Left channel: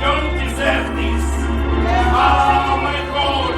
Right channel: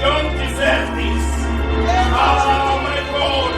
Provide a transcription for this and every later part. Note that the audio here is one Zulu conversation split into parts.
don't deserve this. Oh my God.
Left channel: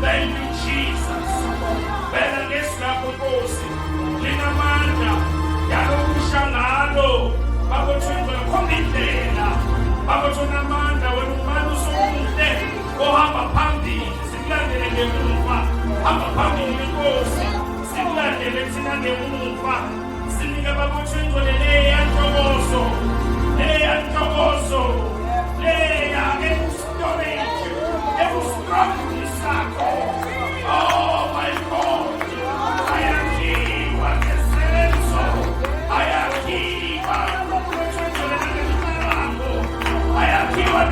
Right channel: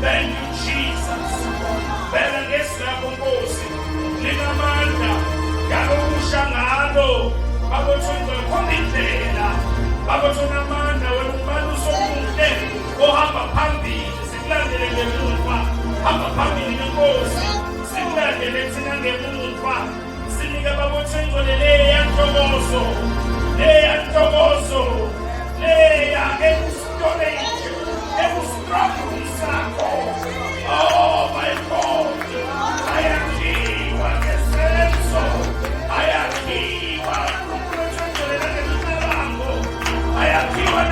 Thank you, Jesus. Bela ngesilapho Nkosi. Ninamandla yalokushangalo. Babothunga khomindlela. Babothuna amandla wena umbaluso omuhle ohamba phambili. Sikulandele ngemuva. Hamba phambili Nkosi. Sikulandele thina ngemuva. Sinike babothunga leya ntokozo. Leya ntokozo. Leya storage. Oh my God, I am Kiwa, I am Kiwa,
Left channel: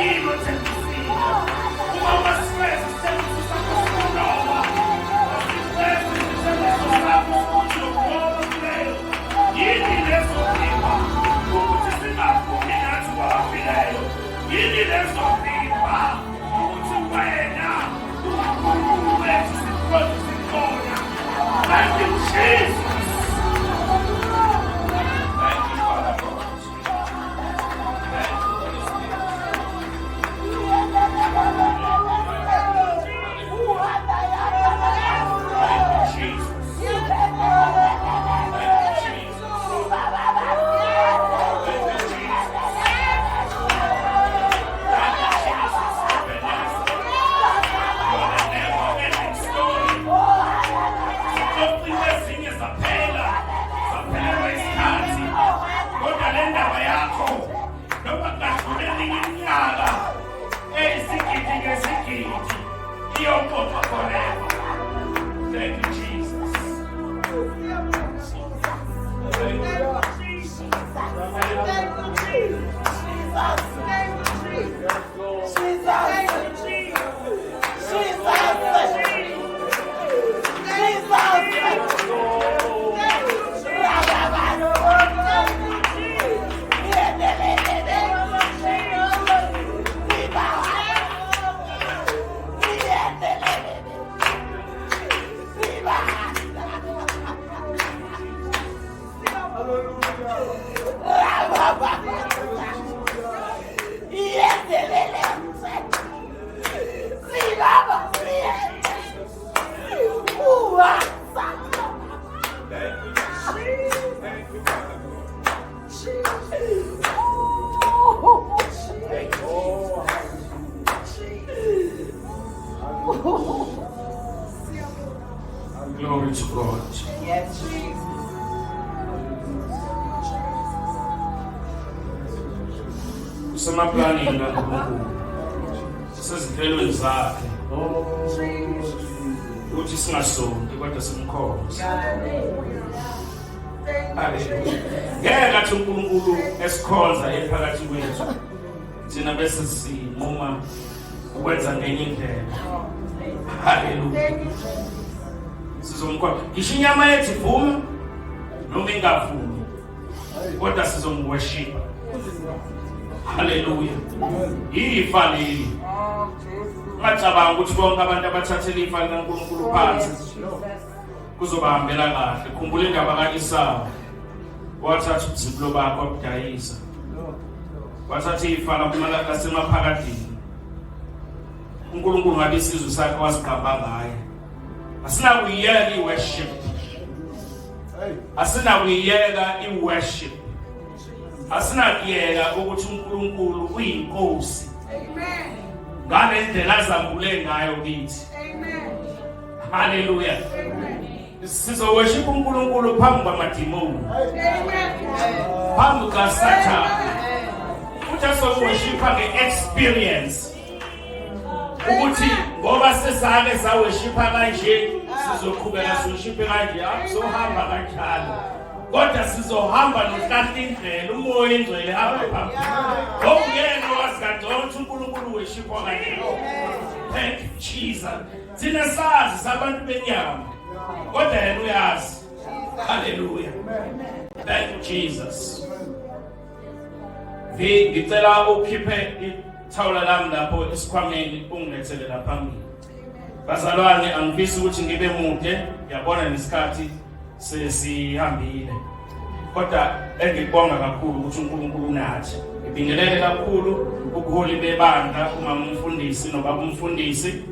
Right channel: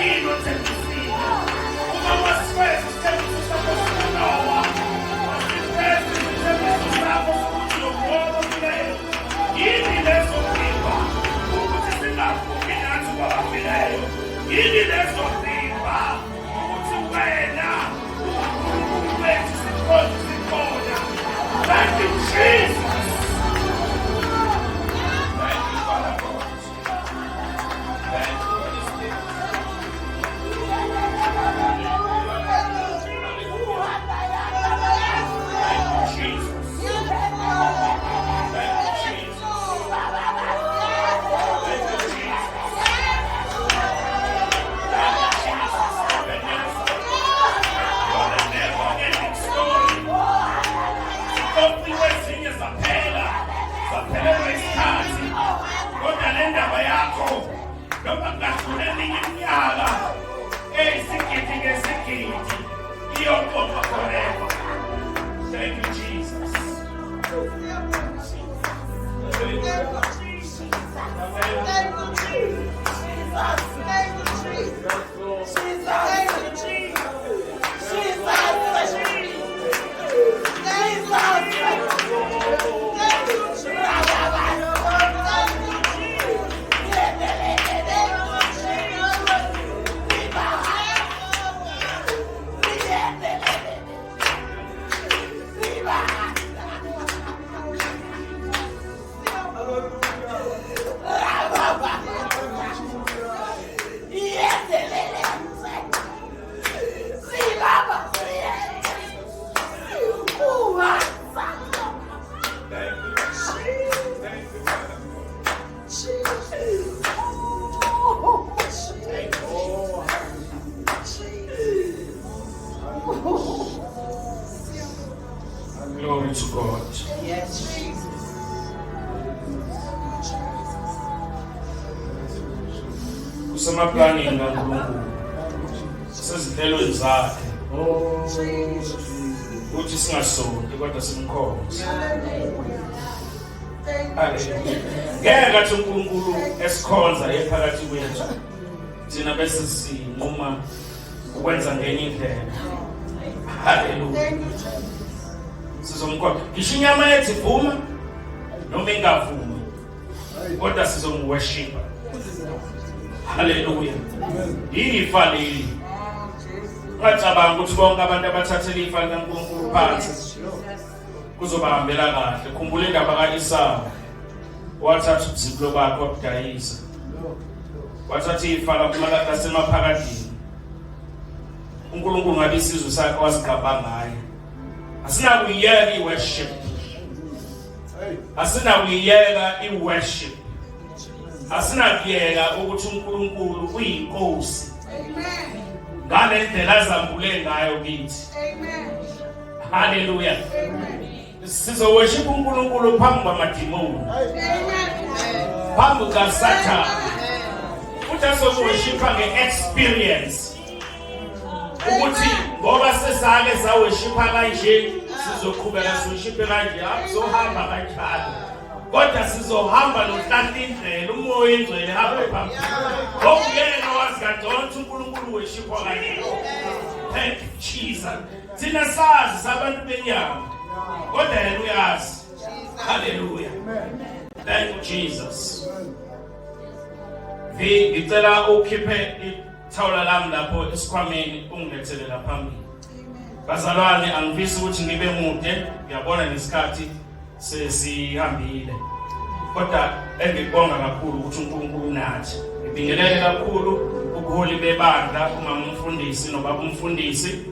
yini othembisile? Uma wasifeza isithembiso sakho sokulowa, wasifeza isithembiso sakho sokuthi lokulowa kuleyo. Yini lezodliwa ukuthi singavumi nathi kwabafileyo? Yini lezodliwa ukuthi wena uNkulunkulu wethu sikhona sikhona? Thank you, Jesus. Thank you, Jesus. Glory to God. Yes, Jesus. Usemaplanini kaNkulunkulu. Sezinhlelweni zakhe. Uthi singasonti kodwa simkhonze. Ngeke athi uNkulunkulu esikhonza ephakathi kwethu. Thina bese sinquma ukwenza ngenye indlela. Hallelujah. Sizomkhonza. Ngisho inyama yethu ivuma noma ingavumi. Kodwa sizomworship. Hallelujah. Ifa leli. Ngacabanga ukuthi bonke abantu abathathele ifa likaNkulunkulu phansi kuzobahambela kahle. Khumbula indaba kaIsaka. Wathatha ubuzibulo bakhe wabudayisa. Wathatha ifa lakumala asemaphakadini. uNkulunkulu ngabe isizwe sakhe wasigaba ngaye. Asinakuyiyeka iworship. Asinakuyiyeka iworship. Asinakuyeka ukuthi uNkulunkulu uyinkosi. Amen. Ngale ndlela azambule ngayo kithi. Amen. Hallelujah. Amen. Sizo worship uNkulunkulu phambi kwamadimoni. Amen. Phambi kaSathane. Futhi asoworshipha nge-experience. Ukuthi ngoba sesake saworshipha kanje sizoqhubeka siworshiphe kanje akuzohamba kanjalo. Kodwa sizohamba nohlala indlela umoya ingcwele hamba phambili. Ngokuyena wazi kangcono uNkulunkulu worshipwa kanjalo. Thank you Jesus. Thina sazi sabantu benyama. Kodwa yena uyazi. Hallelujah. Thank you Jesus. Ngicela ukhiphe ithawula lami lapho esikhwameni ungilethele la phambili. Bazalwane angifisi ukuthi ngibe mude, ngiyabona nesikhathi sesihambile. Kodwa engikubonga kakhulu ukuthi uNkulunkulu nathi. Ngibingelele kakhulu ubuholi bebandla umama umfundisi nobaba umfundisi.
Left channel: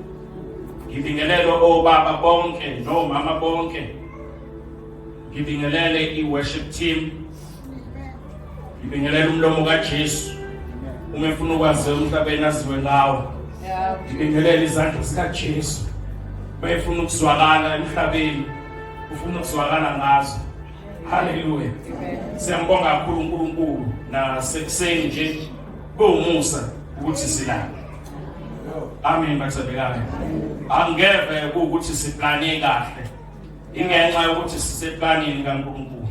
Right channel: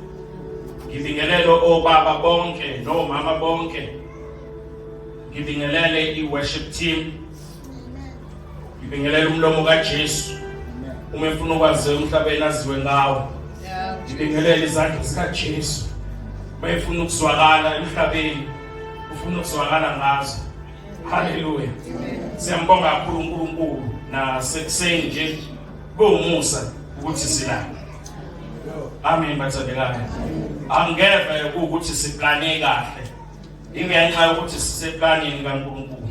Ngibingelele obaba bonke nomama bonke. Ngibingelele i-worship team. Ngibingelele umlomo kaJesu. Uma ufuna ukwazi umhlabeni aziwe ngawo. Ngibingelele izandla zikaJesu. Uma ufuna ukuzwakala emhlabeni, ufuna ukuzwakala ngazo. Hallelujah. Siyambonga kakhulu uNkulunkulu nasekuseni nje kuwumusa ukuthi silapha. Amen bathandekayo. Angeve ukuthi siplane kahle. Ingenxa yokuthi siseplanini kaNkulunkulu.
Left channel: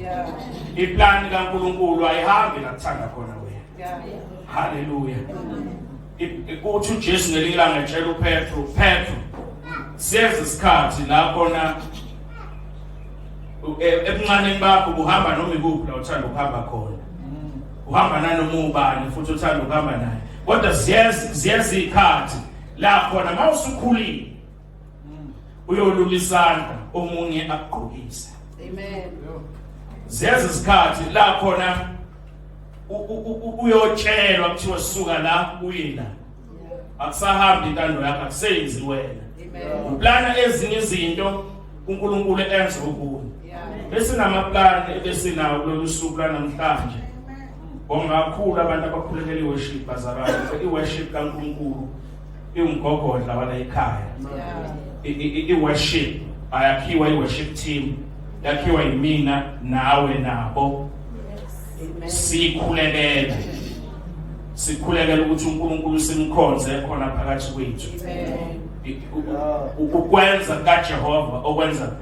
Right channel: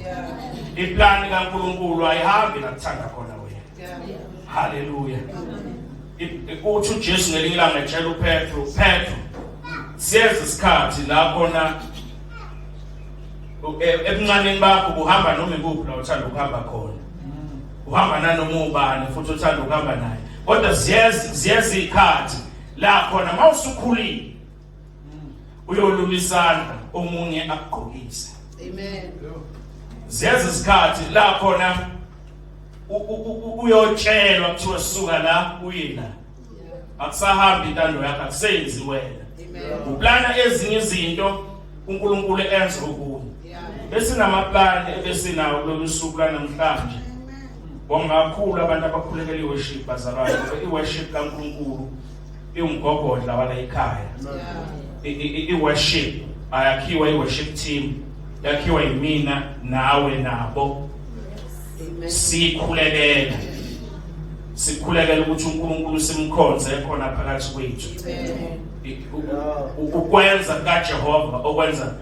Iplani kaNkulunkulu ayihambi la kuthanda khona wena. Hallelujah. uthi uJesu ngelinye ilanga etshela uPetro, siyeza isikhathi la khona ebuncaneni bakho buhamba noma ikuphi la uthanda ukuhamba khona. Uhamba nanoma ubani futhi uthanda ukuhamba naye. Kodwa siyeza ikhathi la khona mawusukhulile uyolula isandla omunye akugqokise. Amen. Siyeza isikhathi la khona uyotshelwa kuthiwa suka la uye la. Akusahambi intando yakho, akusenzi wena. Uplana ezinye izinto uNkulunkulu enza ukuwe. Esinamaplani ebesinawo kulolu suku namhlanje. Bonga kakhulu abantu abakhulekela iworship bazalwane. Iworship kaNkulunkulu iwumgogodla wala ekhaya. Iworship ayakhiwa iworship team, yakhiwa yimina nawe nabo. Sikhulekela ukuthi uNkulunkulu simkhonze khona phakathi kwethu. Ukwenza kaJehova okwenza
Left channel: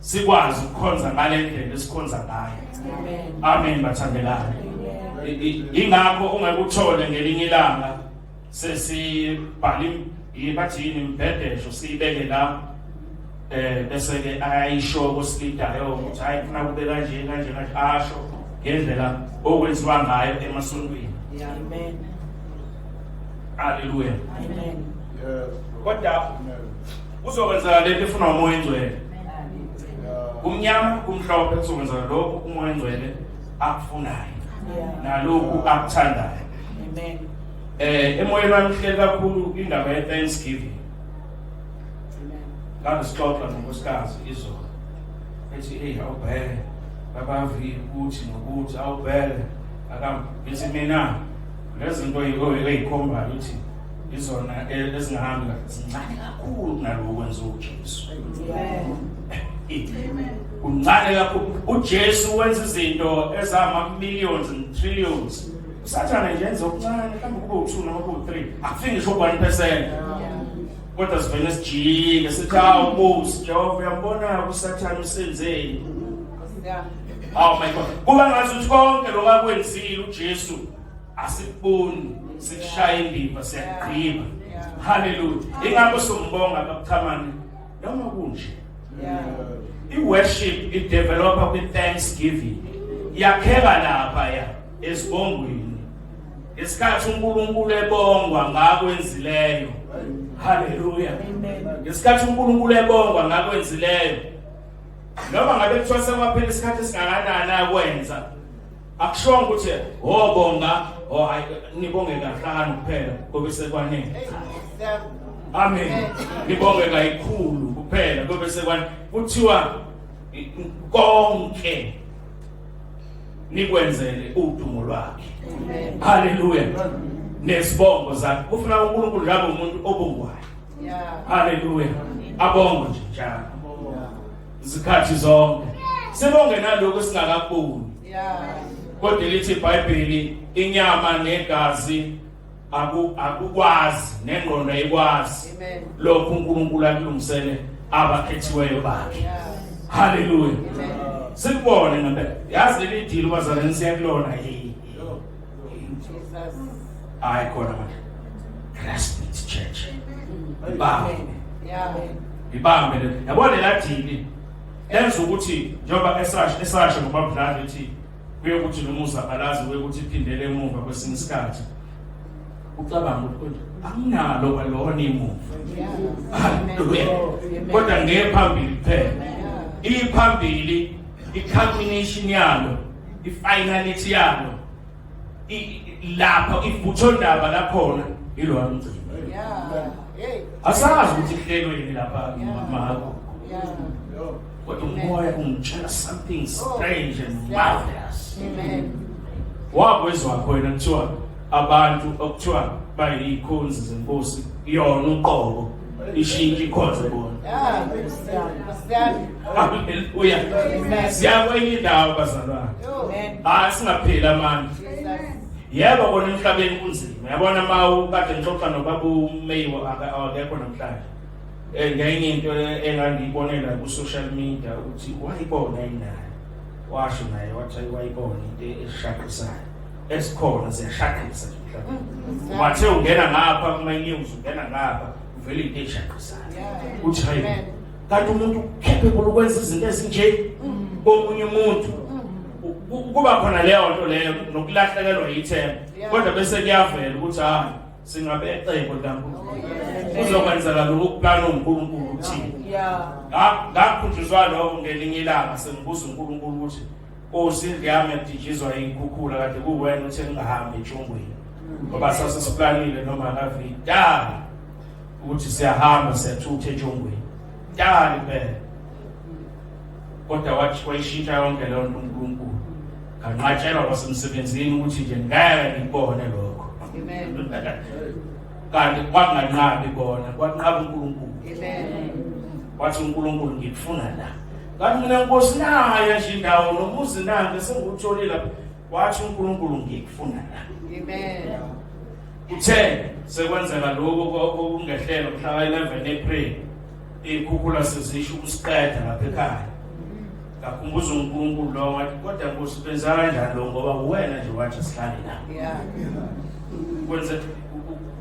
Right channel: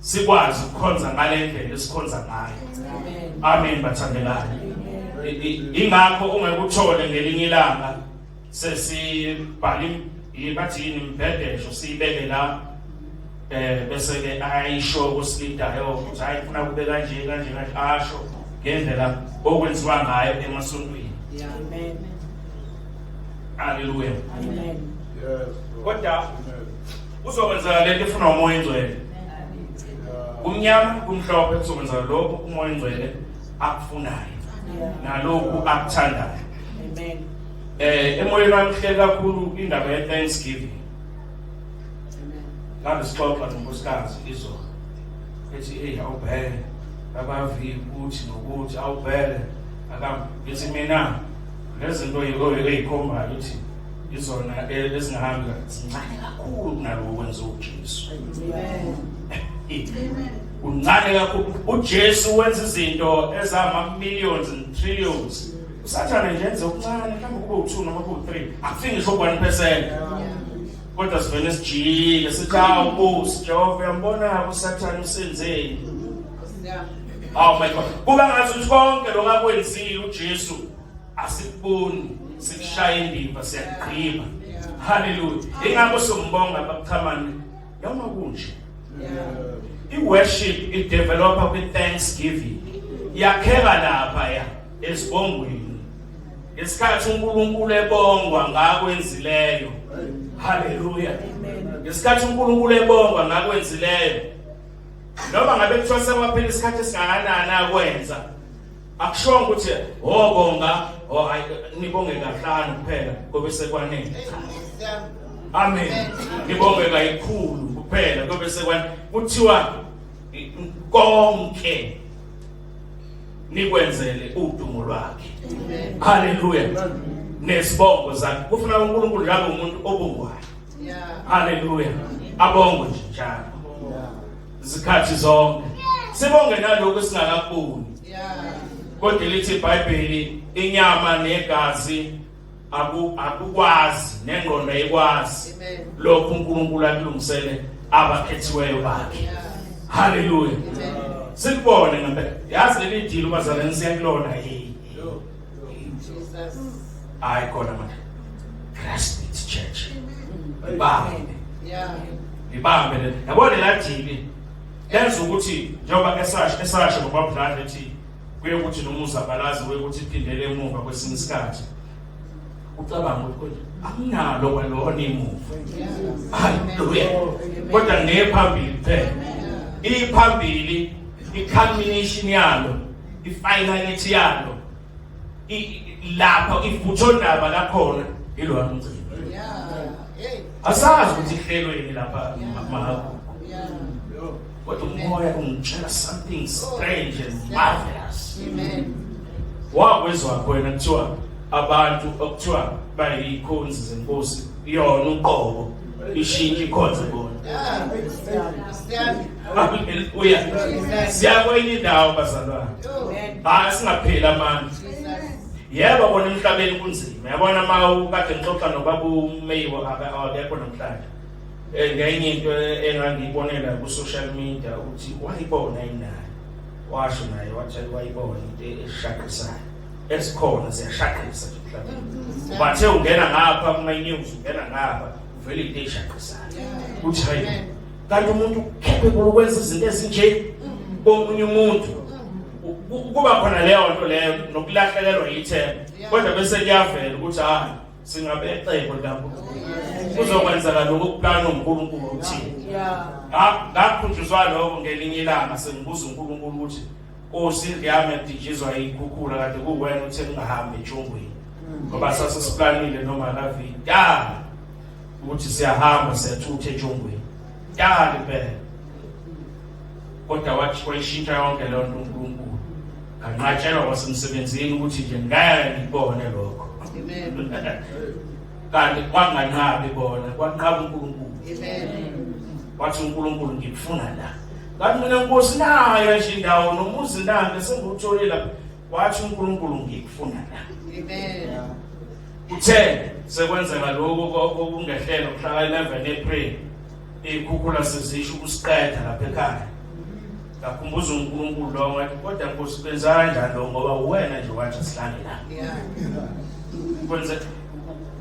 sikwazi ukukhonza ngale ndlela esikhonza ngayo. Amen bathandekayo. Ingakho ungekuthole ngelinye ilanga sesibhali bathi yini imbhedesho siyibeke la bese ke ayisho kusidayo ukuthi hayi ufuna kube kanje asho ngendlela okwenziwa ngayo emasontweni. Amen. Hallelujah. Amen. Kodwa uzokwenza lento efuna umoya engcwele. Umnyama kumhlophe kuzokwenza lokho umoya engcwele akufunayo. Nalokhu akuthandayo. Amen. Emoyeni wami kuhleli kakhulu indaba ye Thanksgiving. Ngabe sixoxa nonkosikazi izolo. Ethi awubhele abavi ukuthi nokuthi awubhele akabithi mina lezinto ezikhombayo ukuthi izona ezingahambi zincane kakhulu kunalowo kwenza uJesu. Uncane kakhulu uJesu wenza izinto ezama millions and trillions. Usathana nje enza okuncane mhlawumbe kube u2 noma kube u3 akufiki ngisho 1%. Kodwa sivele sijike sithi awubusi Jehova uyambona usathana usenzeni. Oh my God. Kuba ngathi ukuthi konke lokakwenzile uJesu asikuboni sikushaya indiva siyagqiba. Hallelujah. Ingakho sombonga babuthamani noma kunje. I-worship i-developa kwi-thanksgiving. Yakheka lapha esibongweni. Isikhathi uNkulunkulu ebongwa ngakwenzileyo. Hallelujah. Isikhathi uNkulunkulu ebongwa ngakwenzileyo. Noma ngabe kuthiwa sekwaphela isikhathi esingakanani akwenza. Akusho ukuthi bonga nibonge kahlanu kuphela kube sekwanele. Amen. Nibonge kayikhulu kuphela kube sekwanele. Kuthiwa konke nikwenzele udumo lwakhe. Hallelujah. Nesibongo zakhe kufuna uNkulunkulu njalo umuntu obongwayo. Hallelujah. Abongo nje njalo. Izikhathi zonke. Sibonge nalokho singakaboni. Kodwa lithi iBhayibheli inyama negazi akukwazi nengqondo ayikwazi. Lokho uNkulunkulu akulungisele abakhethiweyo bakhe. Hallelujah. Sikubone ngempela. Yazi leli dilo bazalwane siyakulona I call it Christ Church. Ibambe yabona la dili lenza ukuthi njengoba esasho ngobabudlala ethi kuye ukuthi nomusa balazi kuye ukuthi iphindele emuva kwesinye isikhathi ucabanga ukuthi anginalo kwalona emuva. Hallelujah. Kodwa ngephambili phela iphambili i-culmination yalo i-finality yalo lapha ivuthondaba lakhona ilo amgcini. Asazi ukuthi ihlelweni lapha mahako. Kodwa umoya ungitshela something strange and marvelous. Wakwezwa khona kuthiwa abantu okuthiwa bayikhonzi zenkosi iyona uqobo ishintsha ikhonze bona. Hallelujah. Siyakwenye indawo bazalwane. Singapheli amandla. Yebo bona emhlabeni kunzima. Yabona kade ngixoxa nobaba uMeyiwa akekho namhlanje. Ngenye into engangiyibonela ku social media ukuthi wayibona inayo. Washo naye wathi wayibona into eshaqisayo. esikhona ziyashaqisa nje mhlawumbe. Wathe ungena ngapha kuma news ungena ngapha uvele into eshaqisayo. Uthi hayi kanti umuntu capable ukwenza izinto ezinje komunye umuntu. Kuba khona leyo nto leyo nokulahlekelwa yithemba. Kodwa bese kuyavela ukuthi hayi singabe ecebo likaNkulunkulu. Kuzokwenzeka lokhu kuplana uNkulunkulu uthini. Ngakhunjuzwa lokho ngelinye ilanga sengibuza uNkulunkulu ukuthi Nkosi ngiyami ngidijizwa ikhukhula kade kuwena uthe ngingahambi eNtshongweni. Ngoba sasesiplanile noma ngavida ukuthi siyahamba siyathutha eNtshongweni. Impela. Kodwa wathi wayishintsha yonke leyo nto uNkulunkulu. Kanqatshelwa kwasemsebenzini ukuthi nje ngeke ngibone lokho. Kanti kwanganqabi bona, kwanqaba uNkulunkulu. Wathi uNkulunkulu ngikufuna la. Kanti mina Nkosi nayo nje indawo nomuzi nami sengutholile lapha. Wathi uNkulunkulu ngikufuna la. Uthe sekwenzeka lokho okungehlela mhla 11 April. Ikhukhula sezisho ukusiqeda lapha ekhaya. Ngakhumbuza uNkulunkulu lo wathi kodwa Nkosi benza kanjani lo ngoba uwena nje wathi sihlale la. Kwenza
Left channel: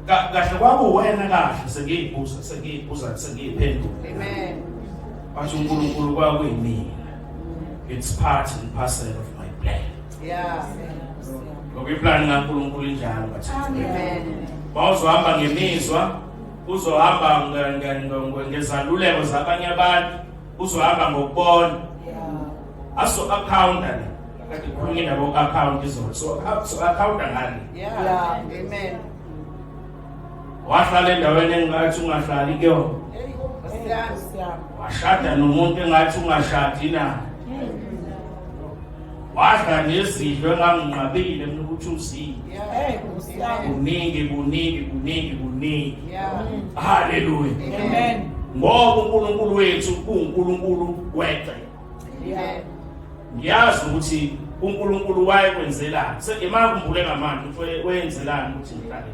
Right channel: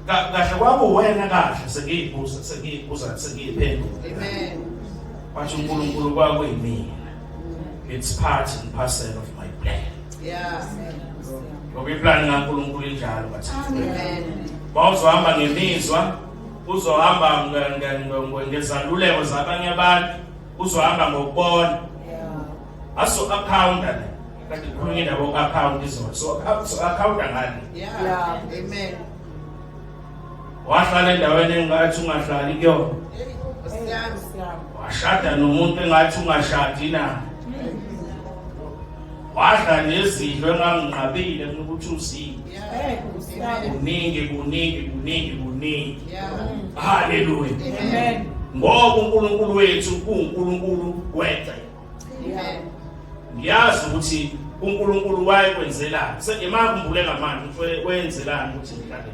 kahle kwabo wena kahle sengiyibuza sengiyiphendula. Wathi uNkulunkulu kwakuyimina. It's part and parcel of my plan. Ngoba iplan kaNkulunkulu injalo bathi. Bawuzohamba ngemizwa, uzohamba ngezaluleko zabanye abantu, uzohamba ngokubona. Aso accounta la. Kati khulunywe nabo account izona. So accounta ngani? Amen. Wahlala endaweni engathi ungahlali kuyona. Washada nomuntu engathi ungashadi na. Wadla nezidlo enganginqabile ukuthi uzini. Kuningi. Hallelujah. Amen. Ngoba uNkulunkulu wethu uNkulunkulu weqe. Amen. Ngiyazi ukuthi uNkulunkulu wayekwenzelani. Sekemakhumbule ngamanje wenzelani ukuthi ngihlale.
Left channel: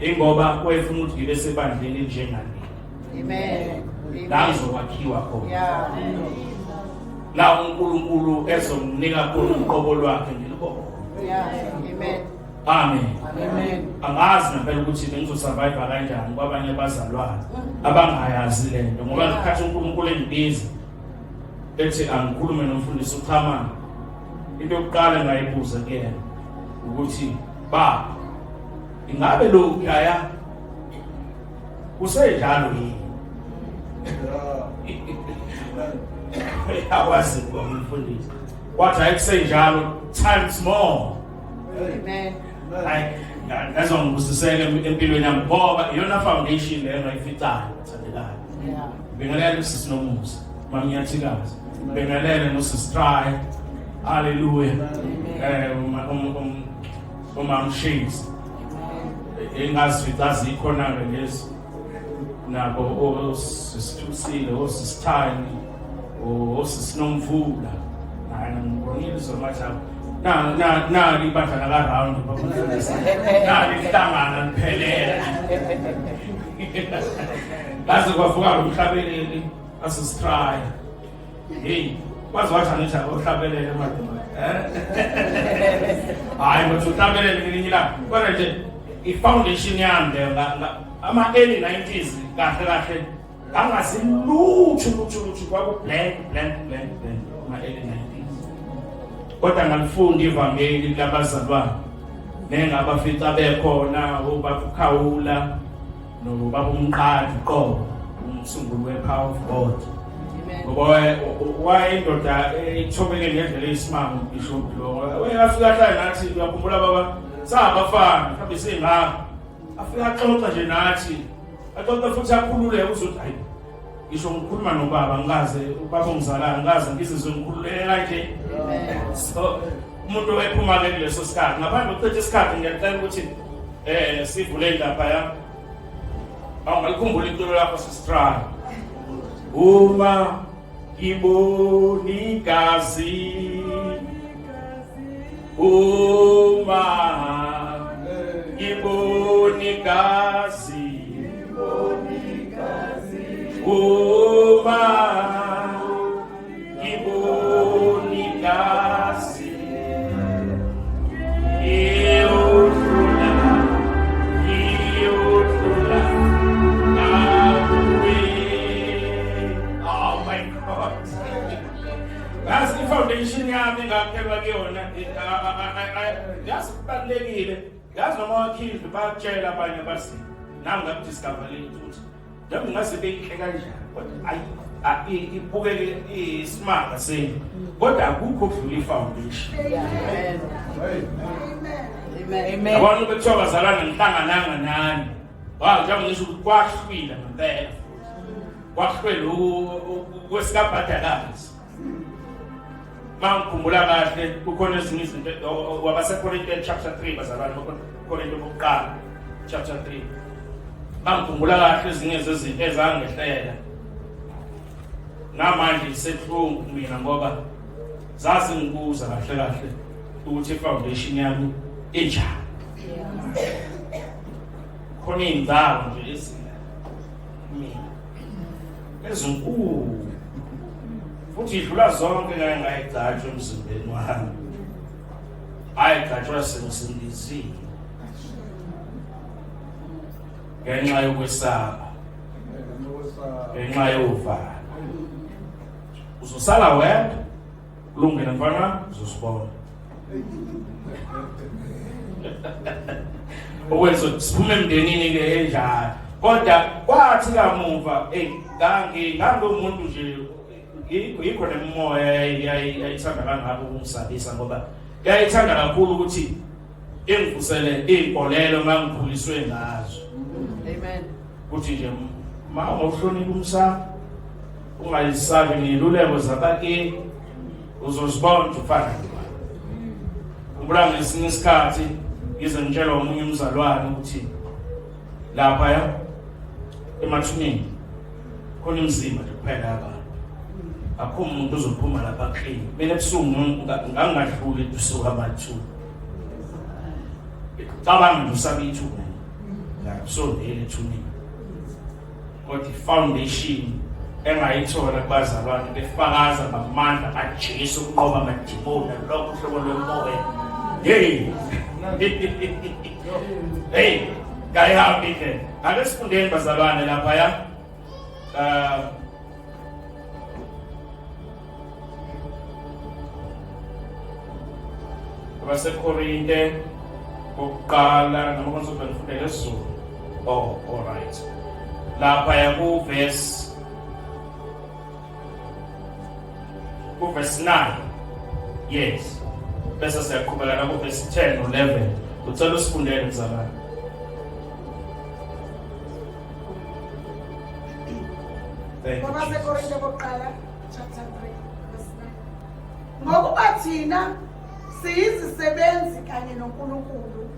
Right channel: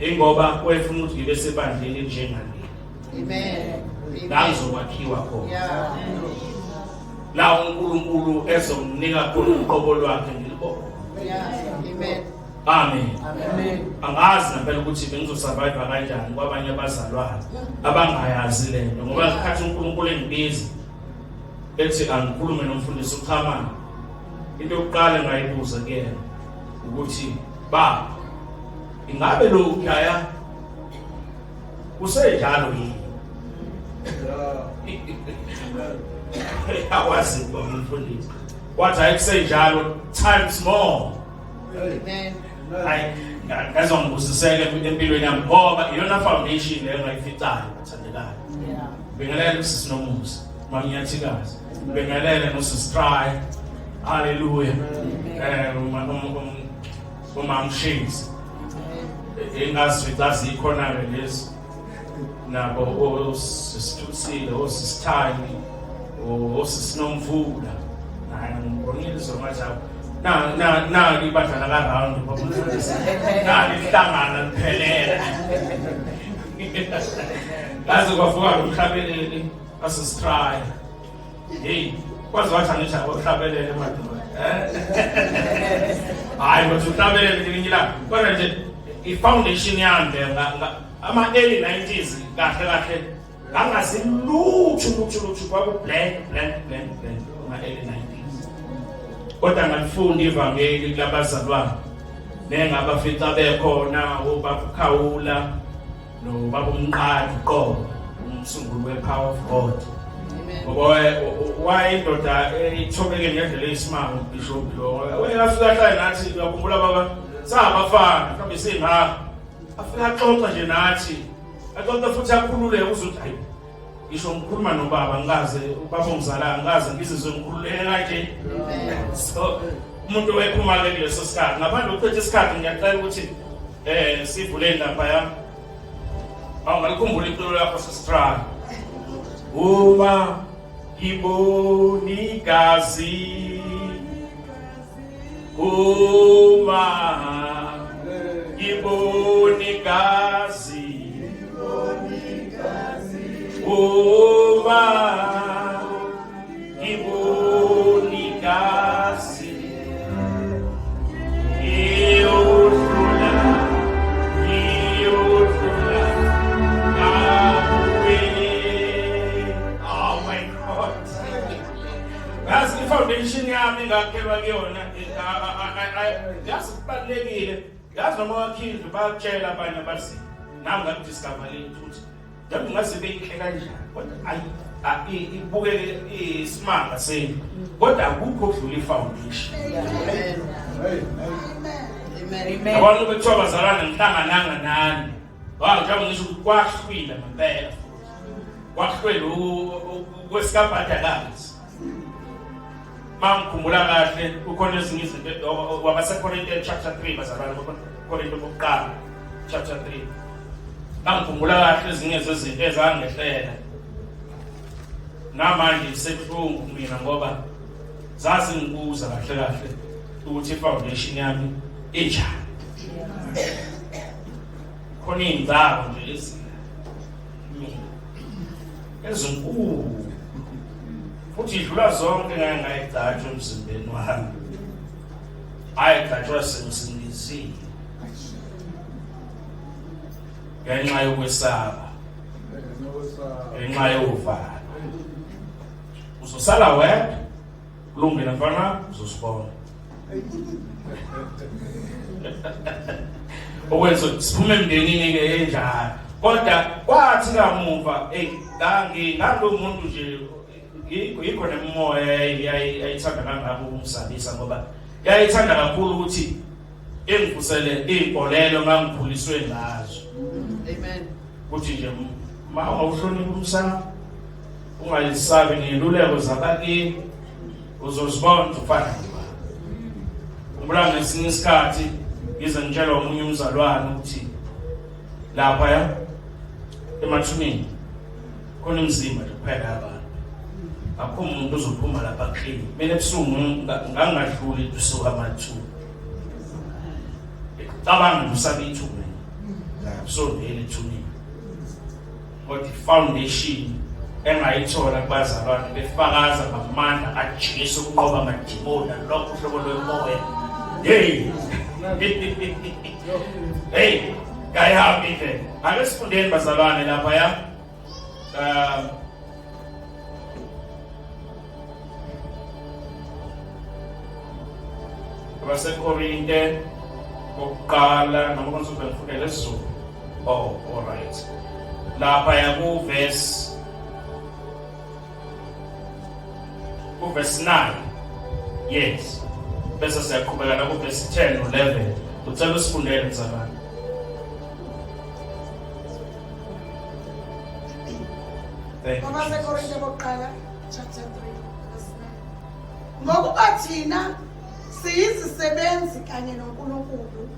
Ingoba wayefuna ukuthi ngibe sebandleni njengani. Amen. La ngizokwakhiwa khona. La uNkulunkulu ezomnika khona uqobo lwakhe ngilibona. Amen. Amen. Amen. Angazi ngempela ukuthi bengizosurvive kanjani kwabanye abazalwane abangayazi lento ngoba ngikhathi uNkulunkulu engibiza ethi angikhulume nomfundisi uChamana. Into yokuqala ngayibuza kuyena ukuthi baba ingabe lo khaya kusenjalo yini? Akwazi umfundisi. Wathi ayikusenjalo times more. Amen. Hayi ngazongibusiseke empilweni yami ngoba iyona foundation leyo ngayificayo bathandekayo. Bengelele usisinomusa mangiyathikazi. Bengelele nosistry. Hallelujah. Umamshisi. Engazifica zikhona lezi nabo osisithusile osisithani osisinomvula. Hayi ngibonile zomathi na ibadla la round na lihlangana liphelela laze kwavuka umhlabeleli asistry hey kwazi wathi angithi akuhlabelele madoda hayi ngothi uhlabelele ngelinye ilanga kodwa nje i-foundation yami ama early 90s kahle ngangasiluthu kwaku blank ama early 90s. Kodwa ngalifunda ivangeli labazalwane nengabafica bekhona obaba uKhawula nobaba uMqadi qobo umsunguli wePower of God. Ngoba wayindoda ithobeke ngendlela eyisimanga uBishop lo wayafika hlala nathi uyakhumbula baba sabafana mhlawumbe singaka afika axoxa nje nathi axoxa futhi akhulule uzothi hayi ngisho ngikhuluma nobaba ngikaze ubaba ongizalayo ngikaze ngizizwe ngikhululeke kanje. So umuntu wephuma ke kuleso sikhathi ngaphandle kokuthetha isikhathi ngiyacela ukuthi sivule lapha ya awungalikhumbula iculo lakho sisitry uma ibonikazi uma ibonikazi uma ibonikazi engakhelwa kuyona yazi kubalekile yazi noma wakhindle bakutshela abanye bathi nami ngakudiscover ukuthi nami ngase beyihle kanjani kodwa ibukeke isimanga senu kodwa akukho okudlula ifoundation. Amen. Abantu bethiwa bazalana ngihlangananga nani njengoba ngisho ukuthi kwahlwile ngempela kwahlwele kwesikabhadalazi. Mangikhumbula kahle kukhona ezinye izinto wabaseKorinte chapter 3 bazalwane Korinte bokuqala chapter 3. Mangikhumbula kahle ezinye zezinto ezangehlela namanje sekuhlungu mina ngoba zazi ngikuza kahle ukuthi ifoundation yami enjani. Khona indawo nje ezinkulu futhi idlula zonke ngeke ngayigcatshwa emzimbeni wami. Ayigcatshwa sengisindizile ngenxa yokwesaba, ngenxa yovalo. Uzosala wedwa kulungile mfana uzosibona. Okwenza siphume emndenini ke enjalo kodwa kwathi kamuva ngangomuntu nje yikho nemoya yayithanda kangako ukungisabisa ngoba yayithanda kakhulu ukuthi engivusele izinkolelo ngangikhuliswe ngazo. Amen. Kuthi nje ma ungawuhloniphi umsamo ungayisabi ngiluleko zabakini uzozibona ufana. Kumbula ngesinye isikhathi ngize ngitshela omunye umzalwane ukuthi lapha emathuneni khona imizimba kuphela abantu. Akho umuntu ozophuma lapha clean. Mina ebusuku ngangadluli ebusuku amathuba. Cabanga ngusaba ithuba. So vele ithuneni. What foundation engayithola kubazalwane befakaza ngamandla kaJesu ukunqoba amadimoni lokho uhlobo lwemoya. Hey. Hey, kayahambi ke. Ake sifundeni bazalwane lapha ya. waseKorinte bokuqala noma konke ngifundele isiZulu. Oh, all right. Lapha ya ku verse 9. Yes. Bese siyaqhubeka na ku verse 10 11. Ucela usifundele mzalwane. waseKorinte bokuqala chapter 3 verse 9. Ngokuba thina siyizisebenzi kanye noNkulunkulu,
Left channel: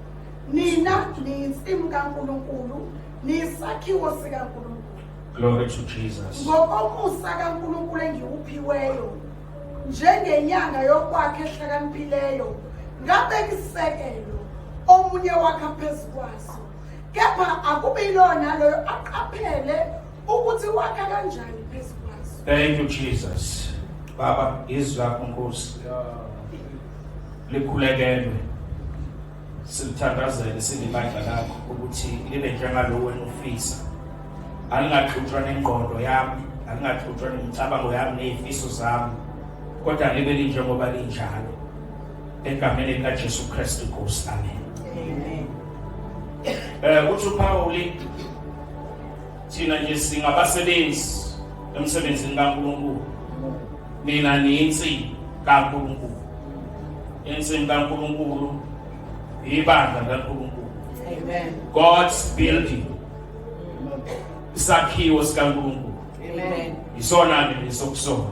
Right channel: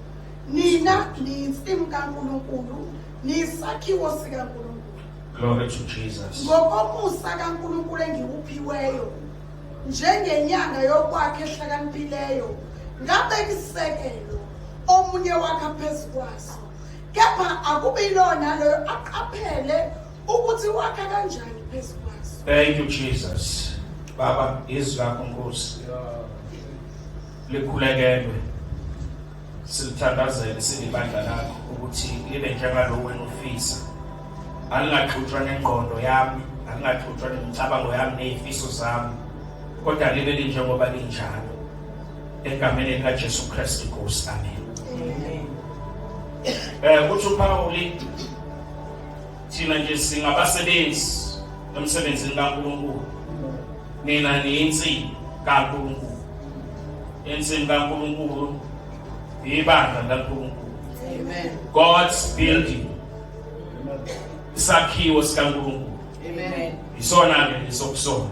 nina niyinsimu kaNkulunkulu, niyisakhiwo sikaNkulunkulu. Glory to Jesus. Ngokomusa kaNkulunkulu engiwuphiweyo, njengenyanga yokwakha ehlakaniphileyo, ngabeka isisekelo, omunye wakha phezu kwaso. Kepha akube yilona loyo aqaphele ukuthi wakha kanjani phezu kwaso. Thank you Jesus. Baba izwi lakho Nkosi. Likhulekele. Silithandazele silibandla lakho ukuthi libe njengalowo wena ufisa. Alingaxutshwa nengqondo yami, alingaxutshwa nemicabango yami nezifiso zami. Kodwa libe linjengoba linjalo. Egameni likaJesu Kristu Nkosi. Amen. Uthi uPaul thina nje singabasebenzi emsebenzini kaNkulunkulu. Nina niyinsimu kaNkulunkulu. Insimu kaNkulunkulu ibandla kaNkulunkulu. Amen. God's building. Isakhiwo sikaNkulunkulu. Amen. Isona ke isokusona.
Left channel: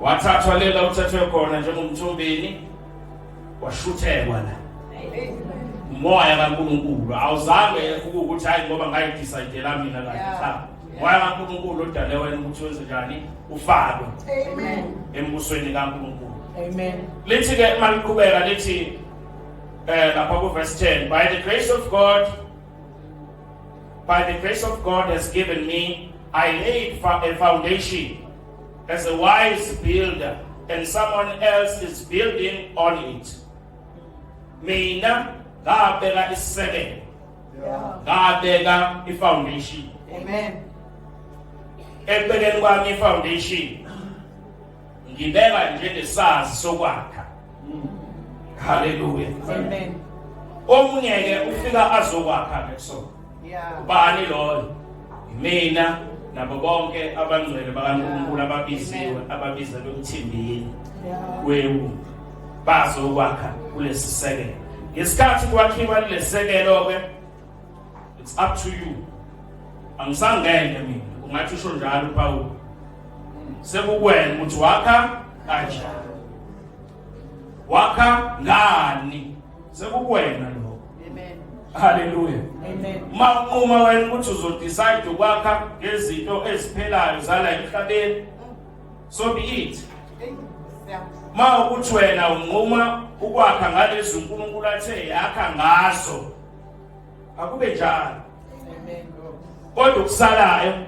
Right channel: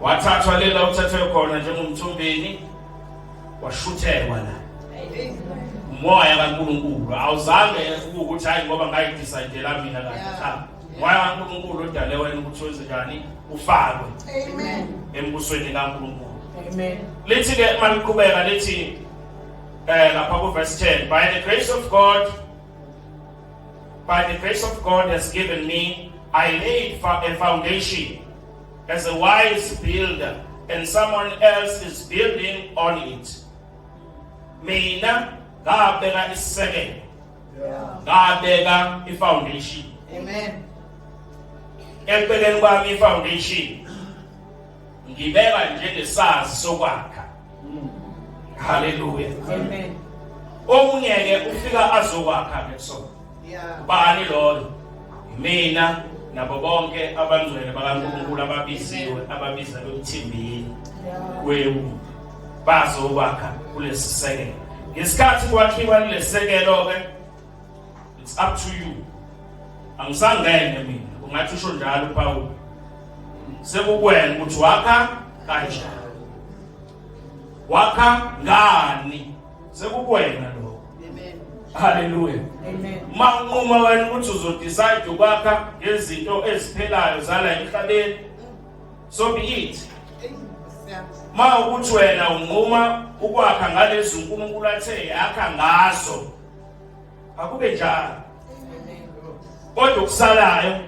Wathathwa lela uthathwe khona njengomthombeni washuthelwa la. Moya kaNkulunkulu awuzange ukuthi hayi ngoba ngayidecide mina kahle cha. Moya kaNkulunkulu odale wena ukuthi wenze njani ufakwe. Amen. Embusweni kaNkulunkulu. Amen. Lithi ke maliqhubeka lithi lapha ku verse 10, by the grace of God has given me, I laid a foundation as a wise builder, and someone else is building on it. Mina ngabeka isisekelo, ngabeka ifoundation. Amen. Ekubekeni kwami ifoundation ngibeka njengesazi sokwakha. Hallelujah. Amen. Omunye ke ufika azokwakha ke so. Yeah. Bani lo? Mina nabo bonke abangcwele bakaNkulunkulu ababizelwe ukuthimbini kwewu bazokwakha kulesi sekelo. Ngesikhathi kwakhiwa lesi sekelo ke it's up to you. Angisangene mina. Ungathi usho njalo Paul. Sekukwena ukuthi wakha kanjani. Wakha ngani? Sekukwena lo. Amen. Hallelujah. Amen. Mawunquma wena ukuthi uzodecide ukwakha ngezinto eziphelayo zala emhlabeni, so be it. Mawukuthi wena unquma ukwakha ngalezi uNkulunkulu athe yakha ngazo, akube njalo. Amen. Kodwa kusalayo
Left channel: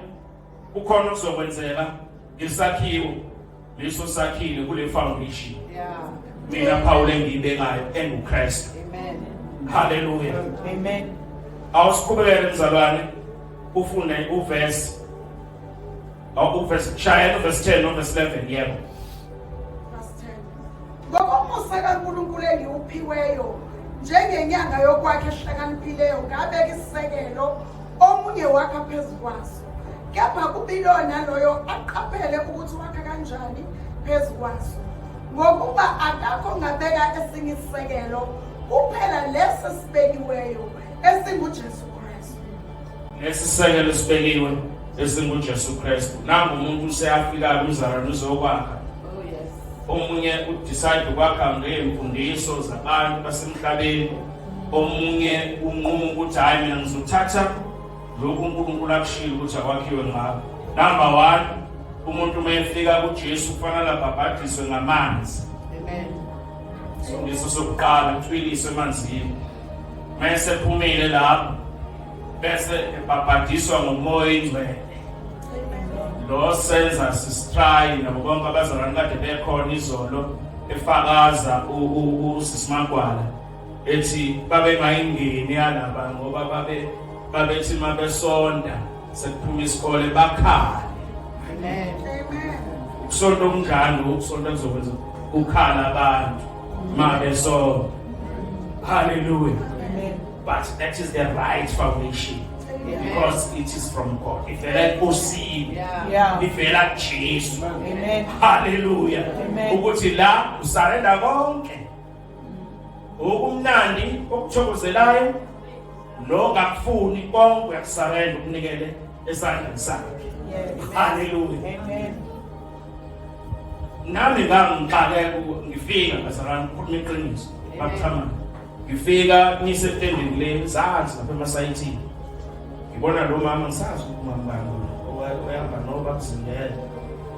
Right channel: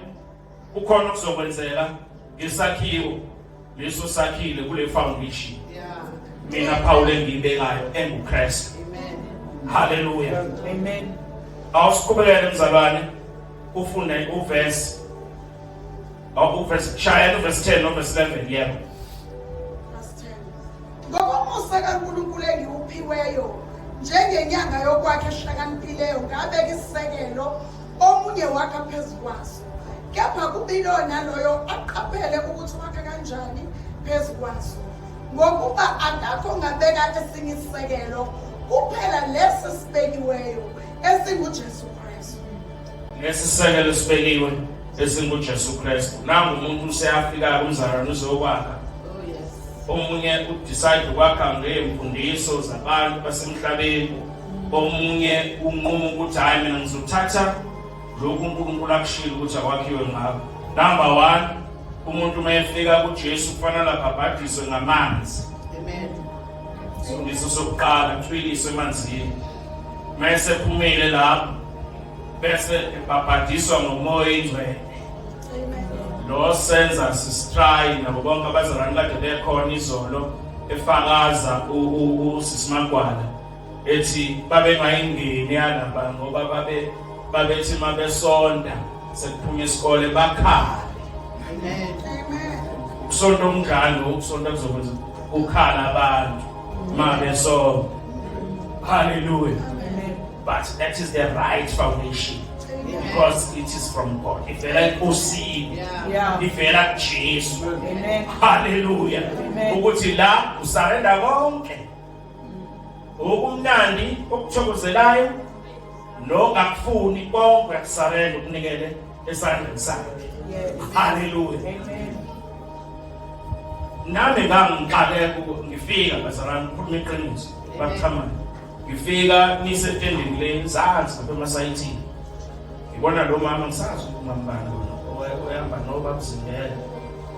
kukhona okuzokwenzeka ngesakhiwo leso sakhile kule foundation. Yeah. Mina Paul engiyibekayo enguKristu. Amen. Hallelujah. Amen. Awusiqhubekele mzalwane ufunde uverse shaya verse 10 verse 11 yebo. Verse 10. Ngokomusa kaNkulunkulu engiwuphiweyo njengenyanga yokwakha ehlakaniphileyo ngabeka isisekelo omunye wakha phezu kwaso. Kepha kubilo naloyo aqaphele ukuthi wakha kanjani phezu kwaso. Ngokuba akakho ngabeka esinye isisekelo kuphela lesi sibekiweyo esinguJesu Kristu. Lesisekelo sibekiwe esinguJesu Kristu. Nangu umuntu useyafika kumzalwane uzokwakha. Oh yes. Omunye udecide ukwakha ngeemfundiso zabantu basemhlabeni. Omunye unquma ukuthi hayi mina ngizothatha lokhu uNkulunkulu akushilo ukuthi akwakhiwe ngakho. Number 1, umuntu mayefika kuJesu kufanele abhabhadiswe ngamanzi. Amen. Isifundiswa sokuqala utwiliswe emanzini. Mase phumile lapho bese ebhabhadiswa ngomoya ingcwele. Lo senza sisitry nabo bonke abazalwane kade bekhona izolo efakaza uSisimangwala ethi babe ngayingeni yalaba ngoba babethi mabesonda sekuphuma isikole bakhala. Amen. Amen. Ukusonda umdlalo ukusonda kuzokwenza ukhala abantu mabesonda. Hallelujah. Amen. But that is the right foundation because it is from God. Ivela kuSini, Yeah. ivela kuJesu. Amen. Hallelujah. Amen. Ukuthi la usarenda konke. Okumnandi okuthokozelayo nokakufuni konke uyakusarenda ukunikele esandleni sakhe. Yes. Hallelujah. Amen. Nami ngangiqale ngifika bazalwane ukukhuluma iqiniso bakuthamana. Ngifika nisetending lane zazi lapha emasayithini. Ngibona lo mama ngisazi umambani oyahamba noba kuzingela.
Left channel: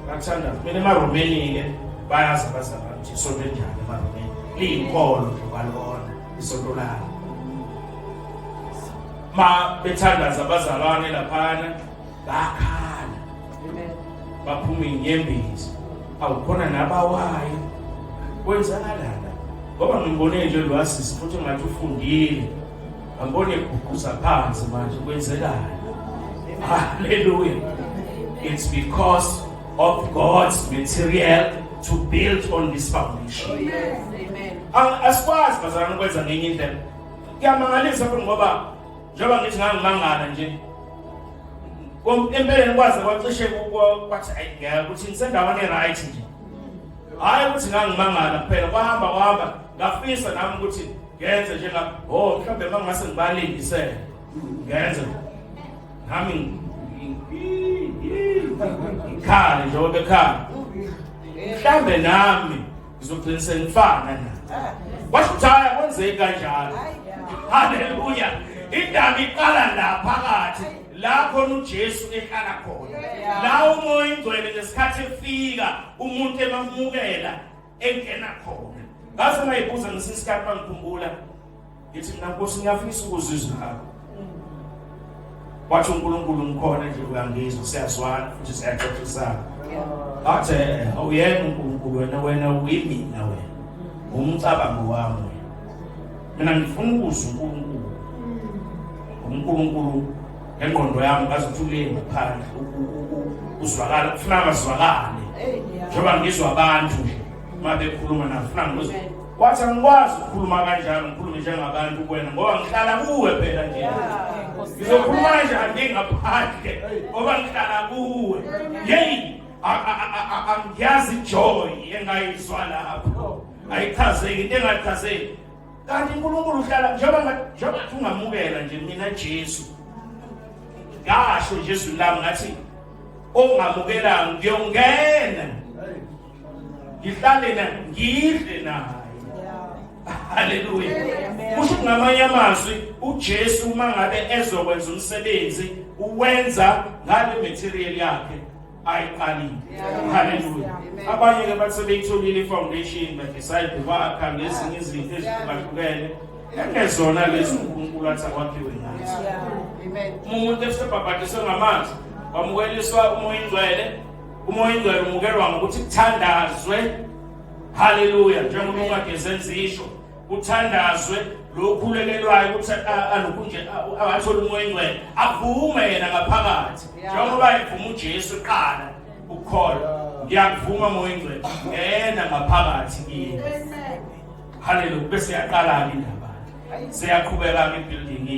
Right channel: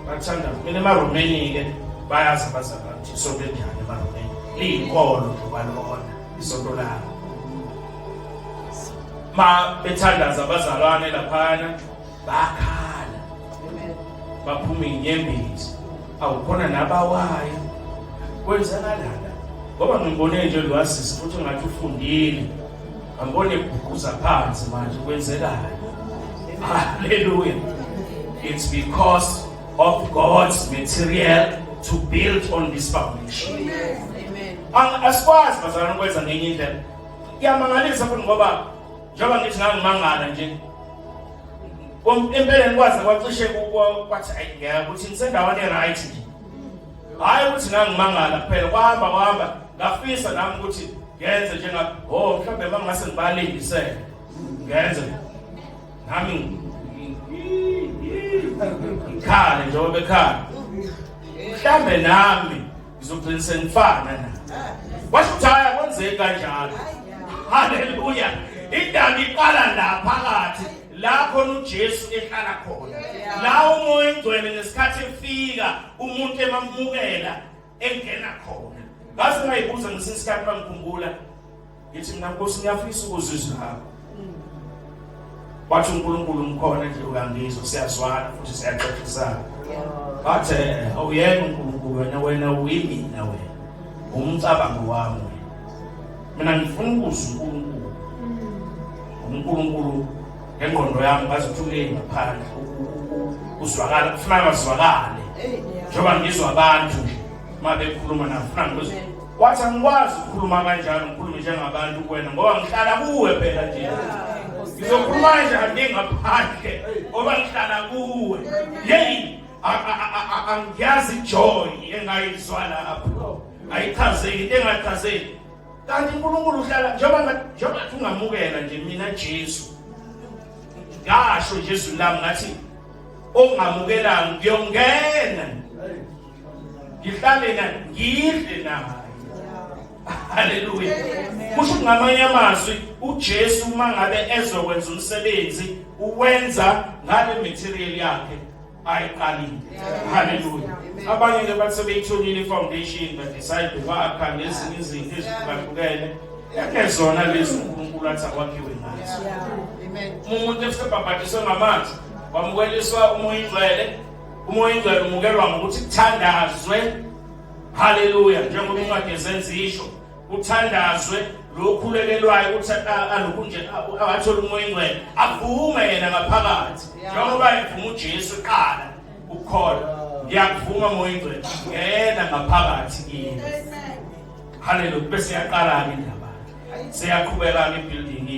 Bathanda mina emaromeni ke bayazi abazalwane ukuthi isonto enjani emaromeni. Liyinkolo lobalona isonto layo. Ma bethandaza abazalwane laphana bakhala. Amen. Baphuma inyembezi. Awukhona nabawayo. Kwenzakalala. Ngoba ngibone nje lwasisi ukuthi ngathi ufundile. Angibone ukuguza phansi manje kwenzekala. Hallelujah. It's because of God's material to build on this foundation. Amen. Asikwazi bazalwane ukwenza ngenye indlela. Kuyamangalisa futhi ngoba njengoba ngithi ngangimangala nje. Empeleni kwaze kwacishe kwathi ayingeke ukuthi nisendaweni right nje. Hayi ukuthi ngangimangala kuphela kwahamba ngafisa nami ukuthi ngenze njenga mhlawumbe mangase ngibalindisele ngenze nami ikhale njengoba bekhala mhlawumbe nami ngizogcina sengifana na wasithaya kwenzeka kanjalo. Hallelujah. Indaba iqala la phakathi la khona uJesu ehlala khona. La umoya ingcwele ngesikhathi efika umuntu emamukela engena khona. Ngase ngayibuza ngesikhathi bangikhumbula ngithi mina Nkosi ngiyafisa ukuzizwa ngakho. Wathi uNkulunkulu ngikhona nje uyangizwa siyazwana futhi siyaxoxisana. Bathe awuyena uNkulunkulu wena uyimina wena. Umcabango wami wena. Mina ngifuna ukuzwa uNkulunkulu engqondo yami ngazithulile ngaphandle uzwakala kufuna bazwakale njengoba ngizwa abantu mabekhuluma nafuna ngizwe wathi angikwazi ukukhuluma kanjalo ngikhulume njengabantu kuwena ngoba ngihlala kuwe phela nje ngizokhuluma nje ngaphandle ngoba ngihlala kuwe hey angiyazi joy engayizwa lapho ayichazeki into engayichazeki kanti uNkulunkulu uhlala njengoba ungamukela nje mina Jesu ngasho Jesu lami ngathi ongamukelanga ngiyongena ngihlale naye ngidle naye haleluya kusho ngamanye amazwi uJesu mangabe ezokwenza umsebenzi uwenza ngale material yakhe ayiqalile haleluya abanye ke bathi sebeyitholile ifoundation but decide wakha ngezinye izinto ezihlukile engezona lezi uNkulunkulu athi akwakhiwe ngazo umuntu esebhabhatiswe ngamanzi wamukeliswa umoya ingcwele umukelwa ngokuthi kuthandazwe haleluya njengoba incwadi zenza kuthandazwe lokhulelelwayo ukuthi alokhu nje awathola umoya ingcwele avume yena ngaphakathi njengoba evuma uJesu eqala ukukholwa ngiyakuvuma umoya ingcwele ngena ngaphakathi kimi haleluya bese yaqala ke indaba seyaqhubeka ke building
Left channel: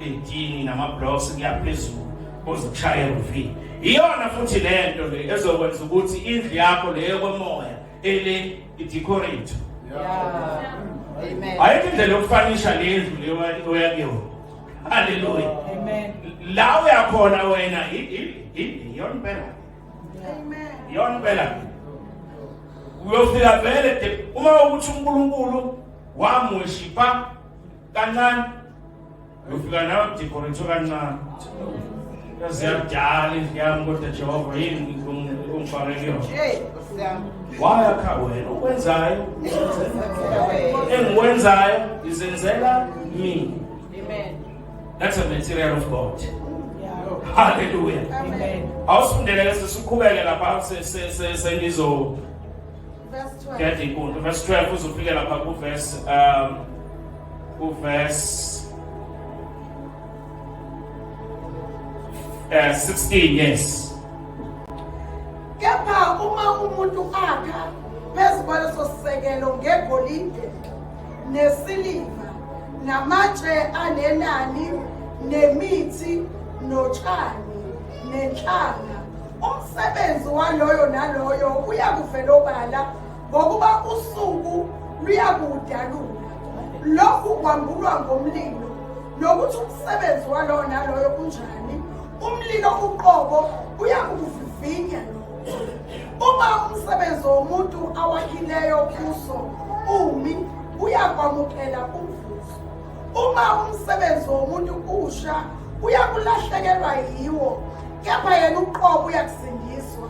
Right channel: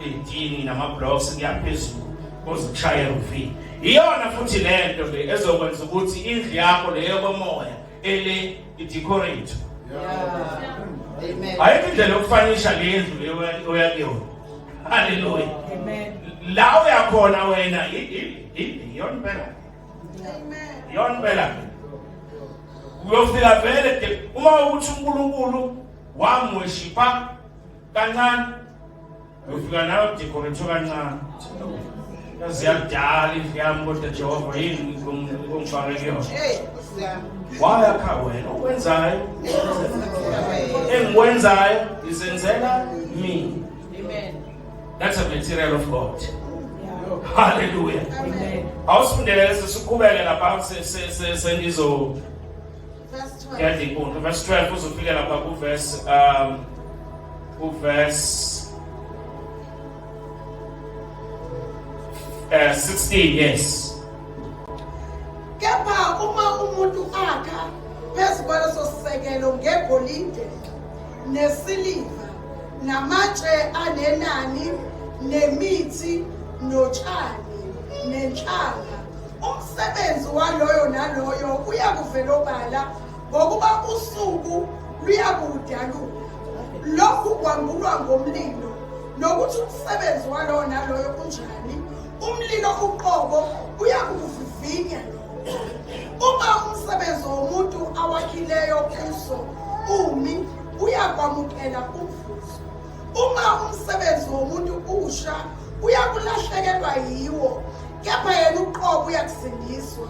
idini nama-blocks kuyaphezulu ozichayela uvini iyona futhi lento le ezokwenza ukuthi indlu yakho leyo kwemoya ele idecorate ayikho indlela yokufanisha le ndlu leyo oyakuyona haleluya la uyakhona wena iyona phela iyona phela uyofika vele uma ukuthi uNkulunkulu wamweshipa kancane uyofika nawe decorate kancane ziyadala indlu yami kodwa Jehova yini ongifake kuyona wayakha wena ukwenzayo engikwenzayo izenzela mina that's a material of God hallelujah awusifundele sesiqhubeke lapha sengizo verse 12 verse 12 uzofika lapha ku verse 16 yes kepha uma umuntu akha phezu kwaleso sisekelo ngegolide nesiliva namatshe anenani nemithi notshani nenhlanga umsebenzi waloyo naloyo uyakuvela obala ngokuba usuku luyakudaluka lokhu kwambulwa ngomlilo nokuthi umsebenzi waloyo naloyo kunjani umlilo uqobo uyakuvivinya uma umsebenzi womuntu awakhileyo kuso umi uyakwamukela umvuzo uma umsebenzi womuntu usha uyakulahlekelwa yiwo kepha yena uqobo uyakusindiswa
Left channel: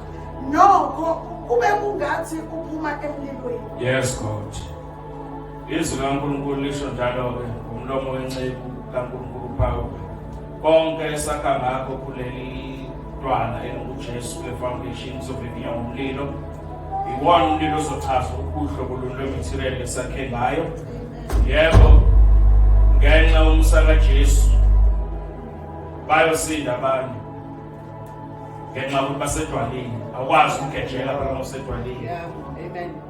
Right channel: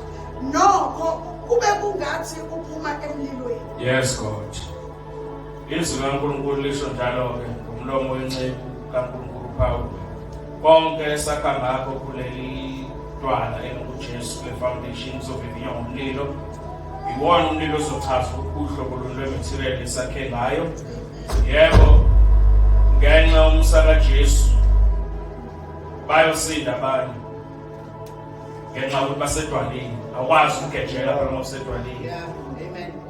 nokho kube kungathi uphuma emlilweni yes God izwi kaNkulunkulu lisho njalo-ke ngomlomo wenceku kaNkulunkulu Phawu konke esakha ngakho kuleli dwala enguJesu le-foundation izovivinywa ngomlilo iwona umlilo ozochaza uhlobo lwematerial esakhe ngayo yebo ngenxa yomsa kaJesu bayosinda abantu ngenxa yokuthi basedwaleni akwazi ukugejela phela ngosedwaleni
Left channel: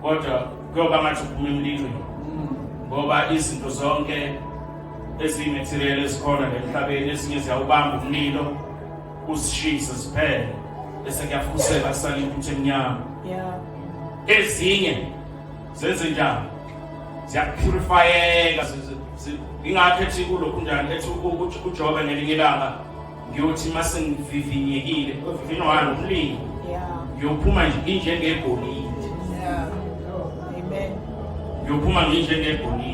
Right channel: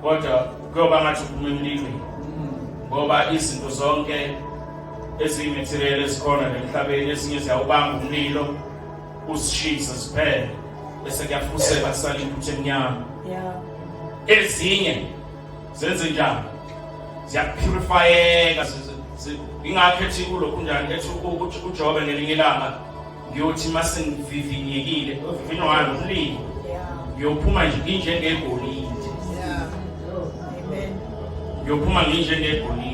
kodwa kuyoba ngathi uphuma emlilweni ngoba izinto zonke ezimaterial ezikhona emhlabeni ezinye ziyawubamba umlilo usishisa siphele bese kuyafuseka sisala intuthu emnyama ezinye zenze njalo ziyapurifyeka ingakho ethi kulokhu njani ethi uJobe ngelinye ilanga ngiyothi mase ngivivinyekile uvivinywa ngalo umlilo ngiyophuma nje njengegolide ngiyophuma njengegolide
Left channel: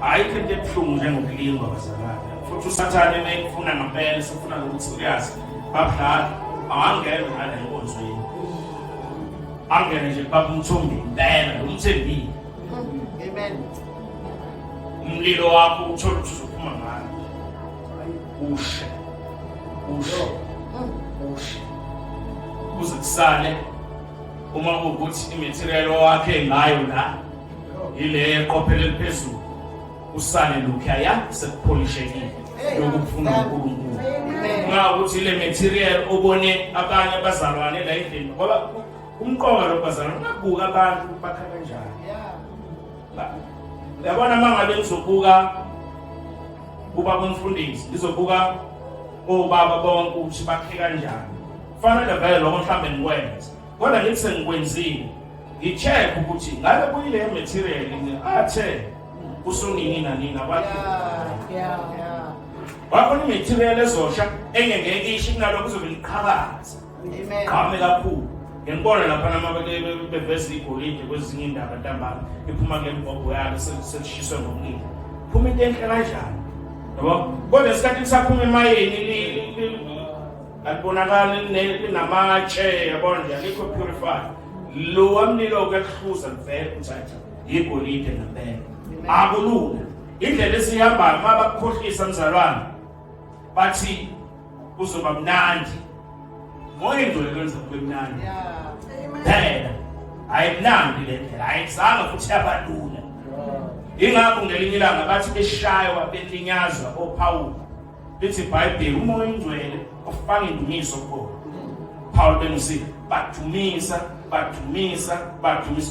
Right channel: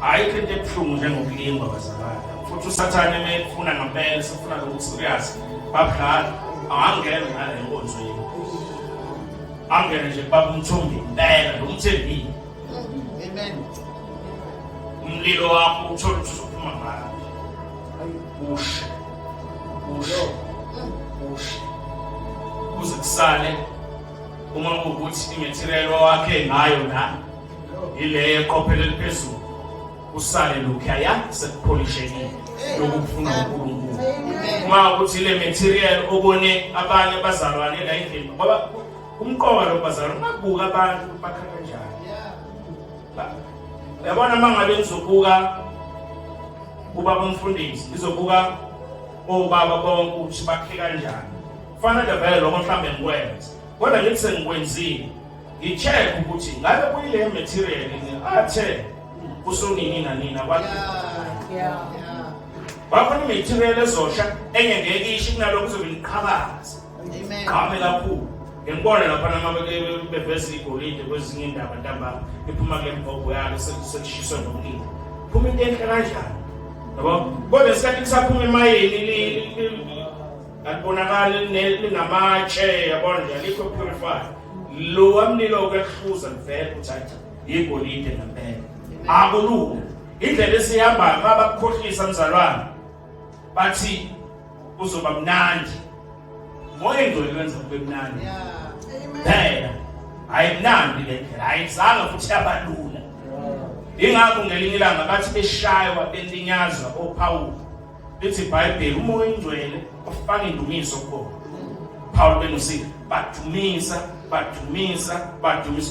ayikho into ebuhlungu njengokulingwa bazalwane futhi usathane mayefuna ngempela sifuna ukuthi serious babudala angangena ngale nkonzweni angene nje babumthombi impela lo mthembile umlilo wakho uthola ukuthi uzophuma ngalo ushe kuze kusale uma ukuthi imaterial wakhe ngayo la ile eqophele liphezulu usale lokhuya sekupholishekile lokufuna uNkulunkulu uma ukuthi ile material obone abanye abazalwane la endlini ngoba umqoka lo bazalwane ungabuka abantu bakha kanjani yabona mangabe ngizobuka ubaba umfundisi ngizobuka obaba bonke ukuthi bakhe kanjani kufanele vele lokho mhlambe ngikwenze kodwa ngithi sengikwenzile ngi-check ukuthi ngabe kuyile material athe kusonini nanina kwathi bakhona i-material ezosha enye ngeke ishi kunalokho kuzobe niqhakaza qhame kakhulu ngibona lapha namabeke beveza igolide kwezinye indaba ntambama iphuma kule mbhobho yalo selishiswe ngomlilo phuma into enhle kanjani yabo kodwa isikhathi saphuma emayeni alibonakala linamatshe yabona nje alikho purified lo wamlilo kwehluza mvele uthatha igolide ngempela akulula indlela esihamba mabakukhohlisa mzalwane bathi kuzoba mnandi moya ingcwele kwenza kube mnandi phela ayimnandi le ndlela ayizange futhi yabalula ingakho ngelinye ilanga bathi beshaywa belinyazwa oPawulu lithi iBhayibheli umoya ingcwele ofaka indumiso khona Paul bengisi bathumisa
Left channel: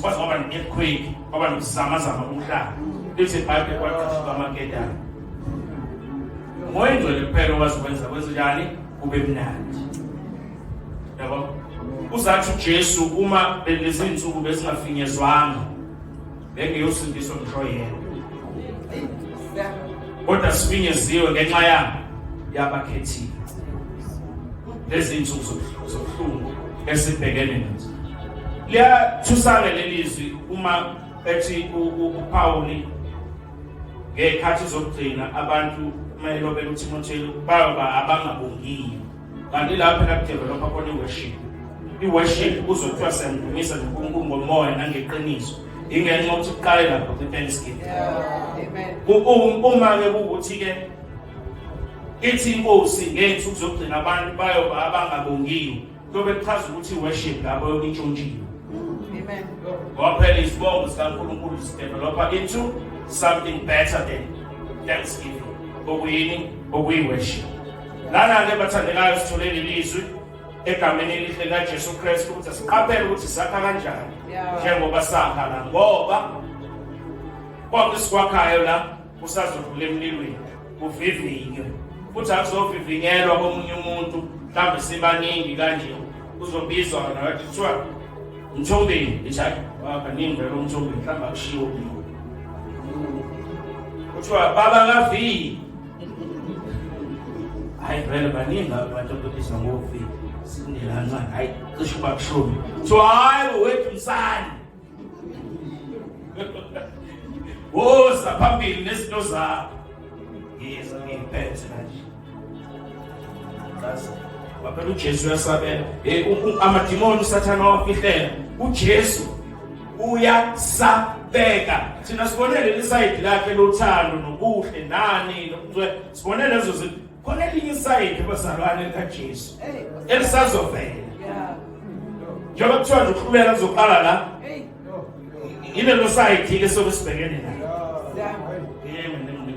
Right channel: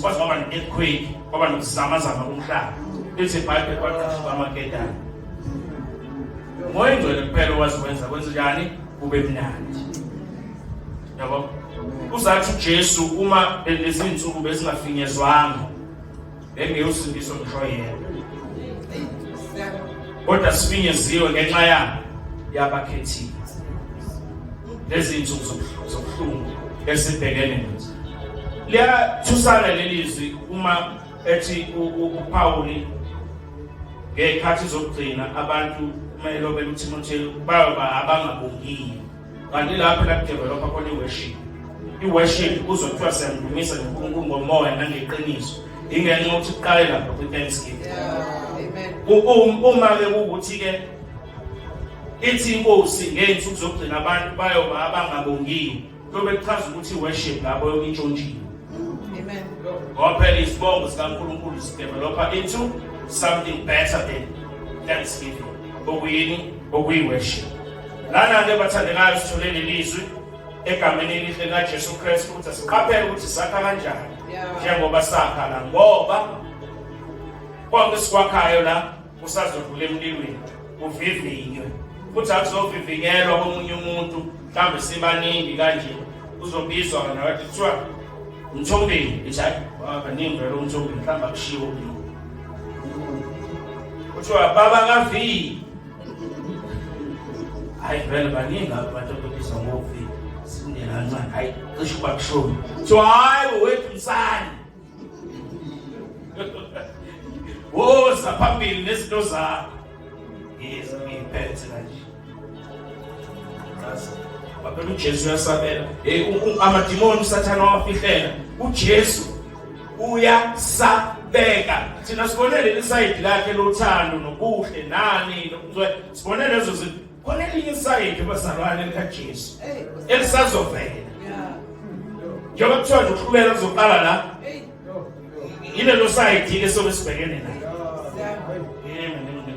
kwaze kwaba ne-earthquake kwaba nokuzamazama komhlaba lithi iBhayibheli kwaqhamuka amaketane umoya ingcwele kuphela owazikwenza kwenza njani kube mnandi yabo uzathi uJesu uma lezi insuku bezingafinyezwanga bengeyosindiswa ngisho yena kodwa sifinyeziwe ngenxa yabakhethiwe lezi insuku zobuhlungu esibhekene nazo liyathusana lelizwi uma ethi uPawuli ngekhathi zokugcina abantu kumele lobe uTimotheo baba abangabongiyo kanti lapha la develop khona i-worship i-worship uzothiwa siyamdumisa noNkulunkulu ngomoya nangeqiniso ingenxa ukuthi kuqale lapho ku-Thanksgiving uma-ke ukuthi-ke ithi inkosi ngey'nsuku zokugcina abantu bayoba abangabongiyo kuyobe kuchaza ukuthi i-worship lapho yokuntshontshiwe ngoba phela isibongo sikaNkulunkulu sidevelopha into something better than Thanksgiving okuyini okuyi-worship lana-ke bathandekayo sitholeni ilizwi egameni elihle laJesu Kristu ukuthi asiqaphele ukuthi sakha kanjani njengoba sakha la ngoba konke sikwakhayo la kusazodlula emlilweni kuvivinywe futhi akuzovivinyelwa komunye umuntu mhlawumbe sibaningi kanje uzobizwa nakathi kuthiwa Ntshongweni ithi hayi baningi lo Ntshongweni mhlawumbe akushiwo umlilo kuthiwa baba kaVi hayi vele baningi abantu ababizwa ngoVi sindela kancane hayi cishe bakushoni so hayi wethu msana woza phambili nezinto zakho yeza ngiphethe kanje kasi baphela uJesu uyasabela amadimoni sathana wafihlela uJesu uyasabeka thina sibonele lesayidi lakhe lothando nokuhle nani sibonele lezo zinto khona elinye isayidi abazalwane likaJesu elisazovela njengoba kuthiwa nje ukuhluleka kuzoqala la ile lo sayidi lesobe sibhekene nayo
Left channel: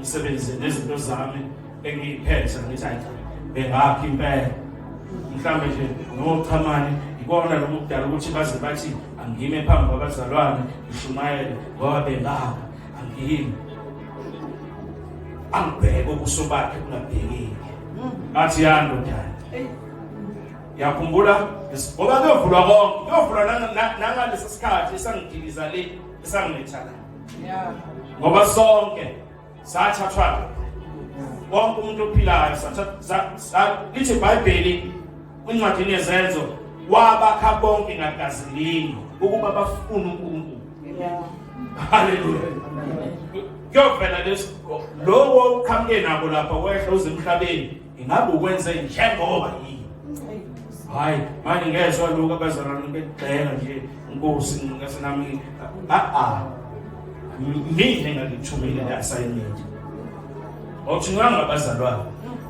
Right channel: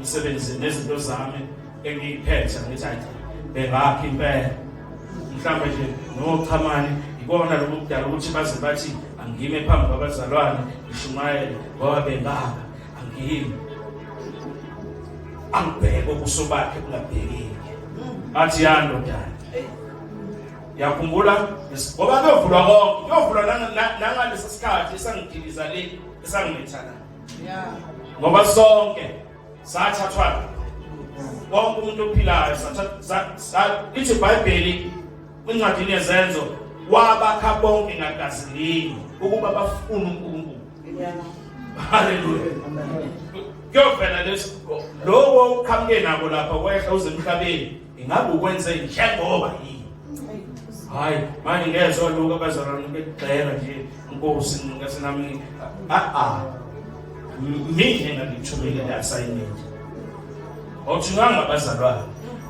ngisebenze nezinto zami engiyiphethe ngithi hayi bengakhi impela mhlambe nje nochamani ikona lo mudala ukuthi baze bathi angime phambi kwabazalwane ngishumayele ngoba bengaka angimi angibheke okusobakhe kungabhekeki athi yandodana yakhumbula ngoba kuyovulwa konke kuyovulwa nangalesi sikhathi esangidiliza le esangilethana ngoba sonke sathathwa wonke umuntu ophilayo lithi iBhayibheli kwincwadini yezenzo wabakha bonke ngagazi linye ukuba bafune uNkulunkulu haleluya kuyovela lowo uqhamuke nabo lapha kwehla uze emhlabeni ingabe ukwenze njengoba yini hayi manje ngezwe lokho abazalwane begxeka nje inkosi ngasenami mina ngikuthumile le assignment awuthi ngangabazalwane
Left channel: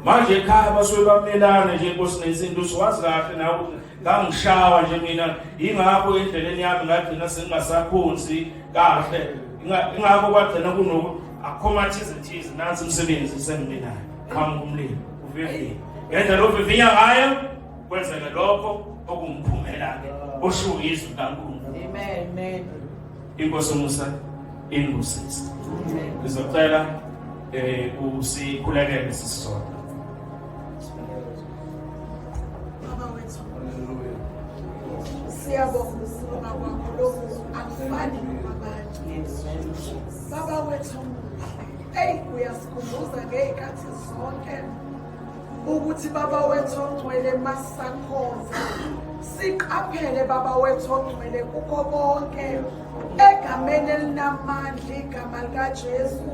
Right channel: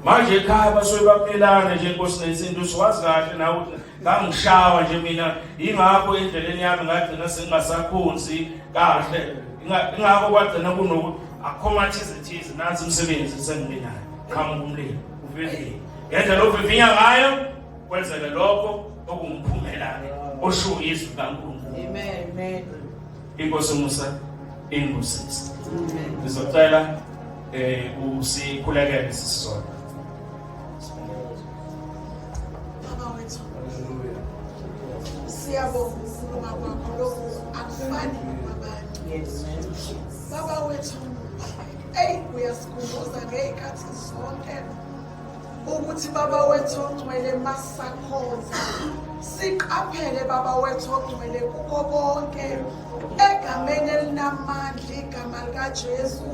manje ekhaya basuke bamelana nje inkosi nezinto siwazi kahle nawe ngangishawa nje mina ingakho endleleni yami ngagcina sengingasakhonzi kahle ingakho kwagcina kunokuthi akhomathize nansi umsebenzi senginayo qhamuka umlilo uvivile ngendlela ovivinya ngayo kwenzeke lokho okungumphumela-ke osho izwi kaNkulunkulu. Amen. Inkosi Musa ingusizi. Ngizocela usikhulekele sisizona. Baba wethu, siyabonga ukukhuluma kwakho lokhu akufani nabanye. Baba wethu, uyasikhumbuza ngezikhathi zonke ukuthi baba wethu ongcwele masakhonza siqaphele baba wethu ongcwele kukho konke egameni elinamandla igama likaJesu.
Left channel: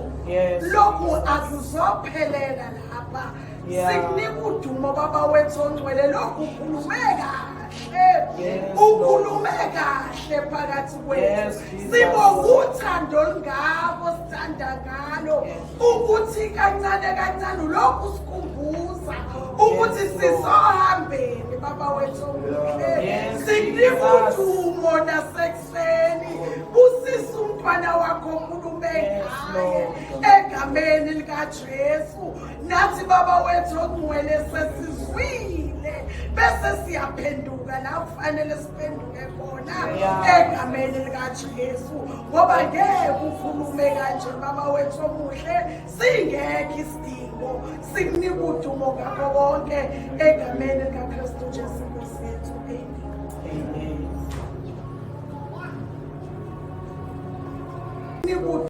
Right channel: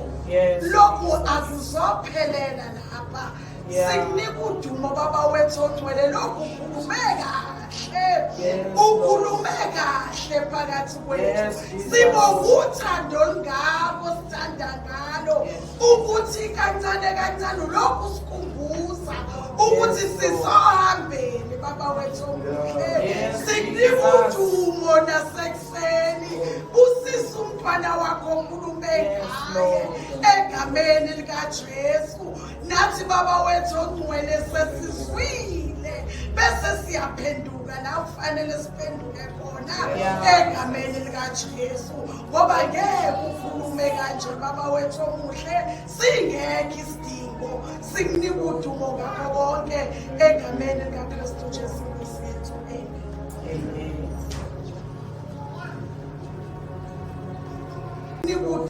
Lokhu akuzophelela lapha. Sikunika udumo baba wethu ongcwele, lokhu ukhulume kahle phakathi kwethu. Sibonga uthando olungabo sithanda ngalo ukuthi kancane lokhu sikhumbuza ukuthi sizohambeni baba wethu ongcwele. Sikunika udumo nasekuseni busisa umfana wakho ukhulume ngaye egameni likaJesu. Nathi baba wethu ongcwele sesizwile bese siyaphenduka la kufanele siphenduke khona egameni likaJesu, ngoba ngeke ukhulume kanje baba wethu omuhle singekho isidingo. Sikunika udumo ngakho konke egameni likaKristu Jesu.